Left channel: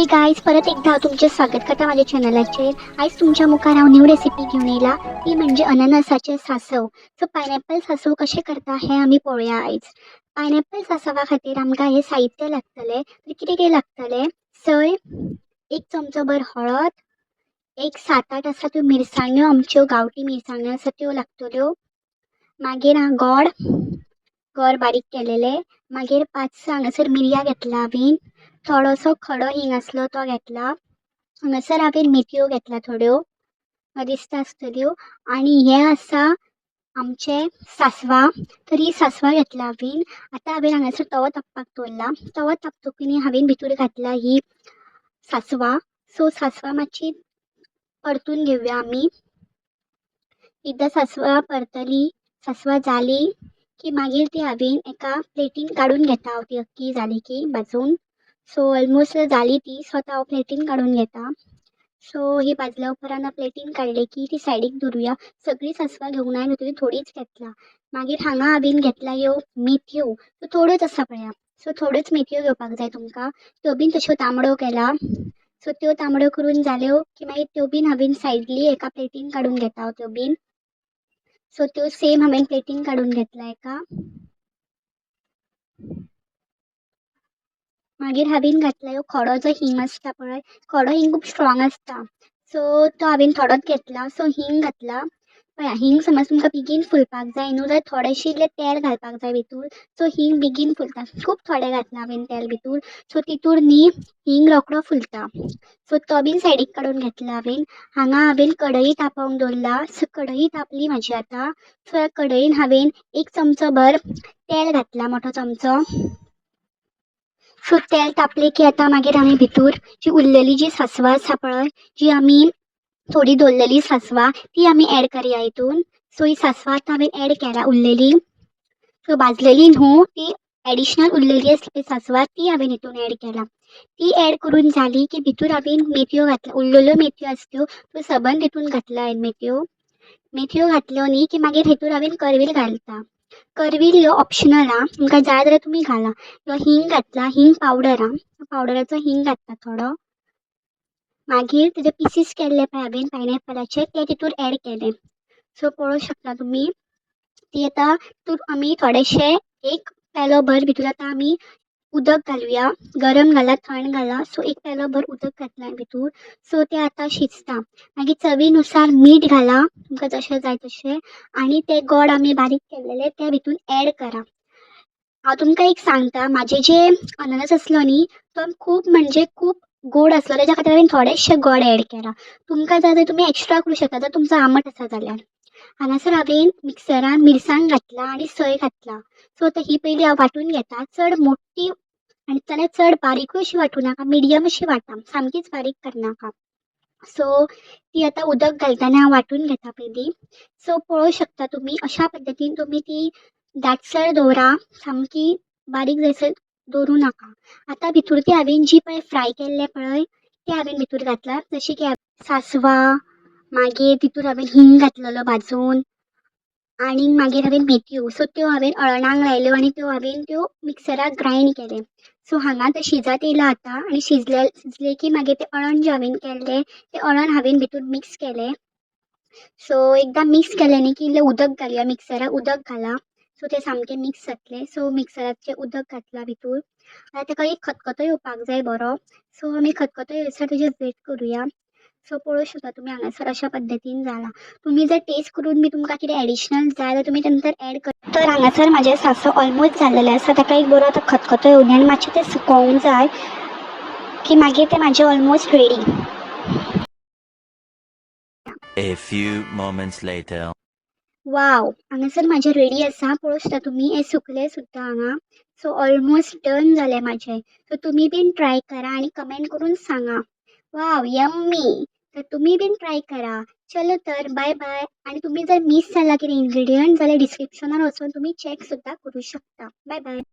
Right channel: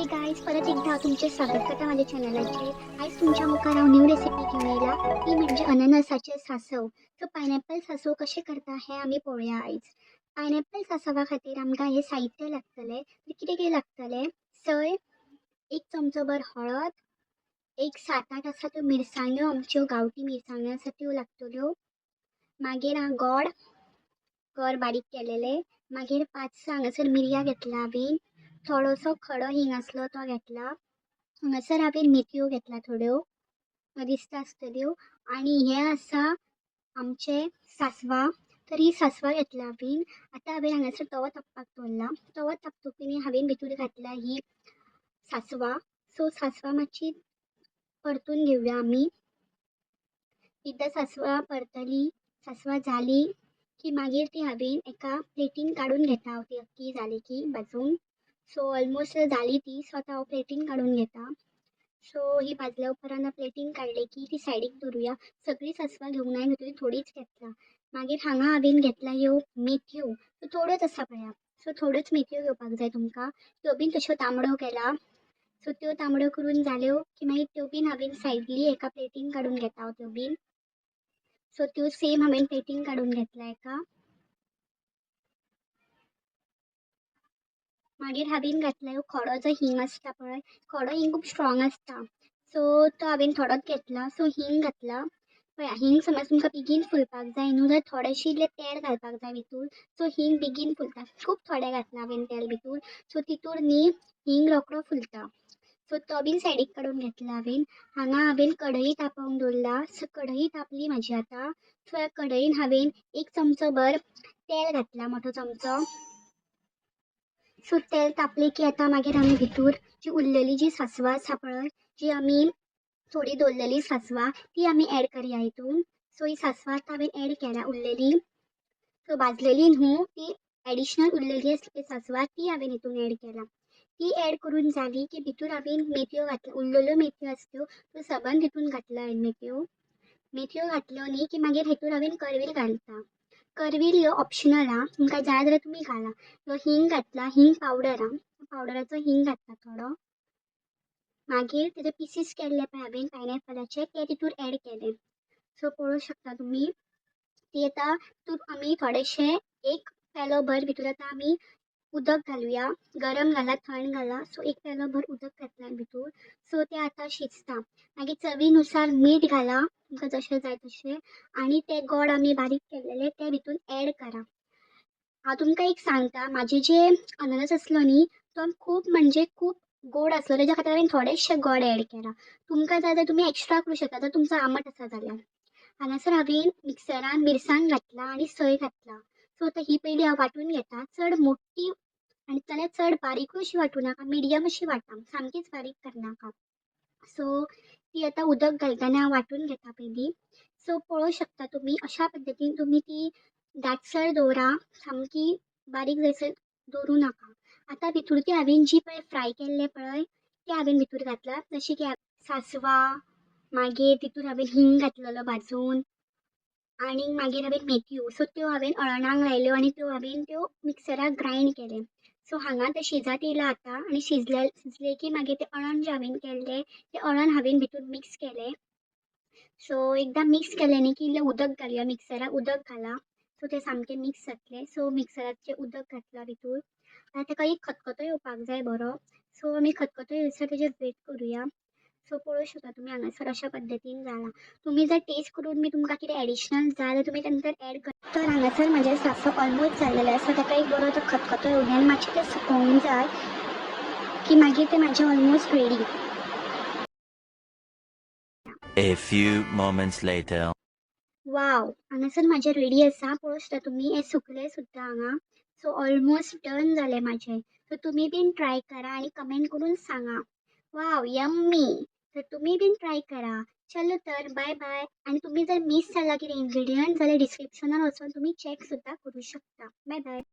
हे गाईज परत एकदा तुमचे स्वागत करता माझ्या चॅनलाचेर। आज तुमच्या मुखार हांव न्यू रेसिपी घेऊन येयला, ती म्हणजे अननसाचे सासव। सो पायनॅपल सासव कशे करता हे आमी पळोवया आयज। पायनॅपल सासवा खातीर आमकां हे साहित्य लागतले। तर कितें कितें लागतले, सय, एक चमचो भर हळद, एक 7-8 आसा त्यो मिरसांग्यो, आमच्यो गांवठी मिरसांग्यो आसा त्यो लागतल्यो। मागीर गोड बारीक केलेले, मागीर 5-6 हांगासर मिरयां घेतला हांवें, थोडोसो खडो हिंग आसलो तो घेतला, हांगासर हांवें मेथयो घेतला थोड्यो, दिसता आसतल्यो। आनी हे आसा आमचे सासवां, तर ही सासवां घेतला हांवें। आतां हांवें हांगासर तवो तापपाक दवरला, तवो तापतकीर हांवें भितर घातला ही सासवां। सो सासवां मातशी परतून घेवया आमी। एकदां सासवां परतली, सासवां जाली की मागीर ती हांवें एका प्लेटीन काडून घेता हांव, ती अख्खी जाली की भाजून। सो ऑलमोस्ट जाली ती, सो आतां हांव प्लेटीन काडून घेता। सो ही भाजल्या उपरांत प्लेटीन काडली की ती सायडीक दवरुया। सगळी सासवां घेवंक ना, भितर थोडीच घेतला। मागीर हांगा हांवें घेतला ह्यो मेथयो, सो थोड्योच आसा पळया। सो थोड्योच मेथयो घेवपाक जाय तुमकां, त्यो बीन तश्यो तांबड्यो केला। सो त्यो तांबड्यो करून जाल्यो की मागीर त्यो बीन हांवें सायडली एका प्लेटीन काडून घेता हांव त्यो बीन। सो त्यो सेम हांवें प्लेटीन काडून घेतला एका। मागीर हांवें घातला ह्यो खडो जो हिंग आसता पळय, खडो हिंग खूब स्ट्रॉंग आसता, सो तो हांवें थोडोच घेतला। सो हिंग घातला पळया, हिंग समज तुमकां बेगीन फुलपाक जाय न्हू, जाल्यार थोडेशें इल्लें तेल घालपाक जाय भितर। सो हिंग बेगीन फुलता, खूब थोडें घातला हांवें तेल भितर। सो तितूर न्ही हिंग रोखडो फुलता, सो तो बीन सायडीक काडून घेतला हांवें। हांगा हांवें कढई तापोवंक दवरला, सो कढई तापली म्हाजी आतां। सो ह्या कढईन हांवें 1 चमचो भर तेल घातला, मोठो चमचो। सो तेल तापले की आतां मागीर हांवें भितर जी उरलेली जी सासवां आसा पळय, जी आमी थोडी दवरलेली सासवां, ती आमी ऍड करया हितून। सो ही सासवां आतां हांवें ऍड केल्या उरलेली, सो भाजलेली न्हू ती, एडिशनल उरलेली आसली सासवां ती हांवें हितून ऍड केला। ती ऍड करून जाली की भितर हांवें मेथयो घातल्या, उरलेल्यो मेथयो आसल्यो त्यो सबंद हितून घातल्या हांवें मेथयो घातल्यो न्ही की मागीर हितूर हांवें करवील घालता। करवील ह्यो ऑप्शनल हा, तुमकां जाय जाल्यार तुमी घाला। ह्यो हिंग घातला, हिंग पावडर हा, पावडराचो हिंग घातला थोडो। मागीर तेजे पीसीस केल्ले पळय हांवें पायनॅपलाचे, ते तितूर ऍड केले। सो पळोवं शकता तुमी, ती आतां तितूर आमी थोडेशे 1 पेलो भर भितर आतां आमी उदक घालुया। गरम घाला, थंड घाला, सो 1 पेलो भर उदक घातला भितर। सो तें आतां शिजता। मागीर चवीनुसार मीठ घाला, तुमकां जशें जाय तशें। आनी ते गोड आमी बारीक केल्लेले ते भितून ऍड करा। हांव तुमकां एक सांगता, म्हाजे जे अननस आसलो न्ही तो खूब म्हणजे खूब गोड आसलो, तेज्या खातीर हांवें थोडेशे गोड ऍड केला। तुमकां जाय जाल्यार तुमी एक्स्ट्रा करूं शकता, जर तुमचो आंबट आसा जाल्यार। हांगासर हांवें मिक्सरान मिरसांग घातला आनी सय घातला। सो आतां ही पयली हांव वांटून घेता, चड मोठी आनी जाल्यार चड बारीकूय अशी वांटूं नाका, मिडियम अशी वांटा, सामकीच बारीक करनाका। सो ती आतां उदक घालतना हांव वांटून घेता पयलीं। सो पळोवं शकता तुमी, अशा पद्दतीन तुमी ती दाटसर दवरा, सामकी बारीक जायसर दवरूं नाका। आतां भितर ती हांवें जी पळय फ्राय केल्ले पळय ते हांवें भितर घातला, जशें की सासवां, मागीर तितूर हांवें हिंग घातलेलो भाजून, आनी मागीर हांवें मेथयो, सो त्यो हांवें अळणांक लायल्यो आनी त्यो मिक्सराक ग्रायंड केले। सो हांगा तें शिजत येयला आतां, आनी शिजले की मागीर ते अळण जे हांवें केल्ले ते अळण हांवें भितर मिक्स केले। सो एकदां मिक्स केलें न्ही की इल्लें उदक घालया, मिक्सराक उदक घाला। सो ते सामके मिक्स जातले। सो मिक्सराचें उदक घातला भितर। आतां ताका एक खतखतो येवपाक जाय बरो, सो आमी खतखतो येयसर तेजेर वेट करुया। सो पळोवं शकता तुमी हांगासर अशा पद्दतीन जाला। तुमी जर टेस्ट करून बी तुमकां कितें एडिशनल जाय जाल्यार तुमी नंतर ऍड कर। तर हांगासर म्हाजे सासव ऑलमोस्ट जाल्लेले आसा, ताका एक बरो आतां खतखतो येवंक आनी मातशें तें सुकोवंक जाय की मागीर तें म्हाजें almost ready. A few moments later. Wow, हांगासर म्हाजें रेडी आसा, पळोवं शकता तुमी हें सुकलें सुद्दां हांगा। सो ऑलमोस्ट डन जालें म्हाजें। सो तुमी बीन ट्राय करा आनी कमेंट करून सांगा। Wow, yummy. तर तुमी बीन ट्राय करा। चलो तर बाय बाय। आनी तुमी जर मिस जाला कितें इन्ग्रेडियंट जाल्यार डिस्क्रिप्शनान वचून तुमी चॅक सुद्दां करूं शकता। Bye bye.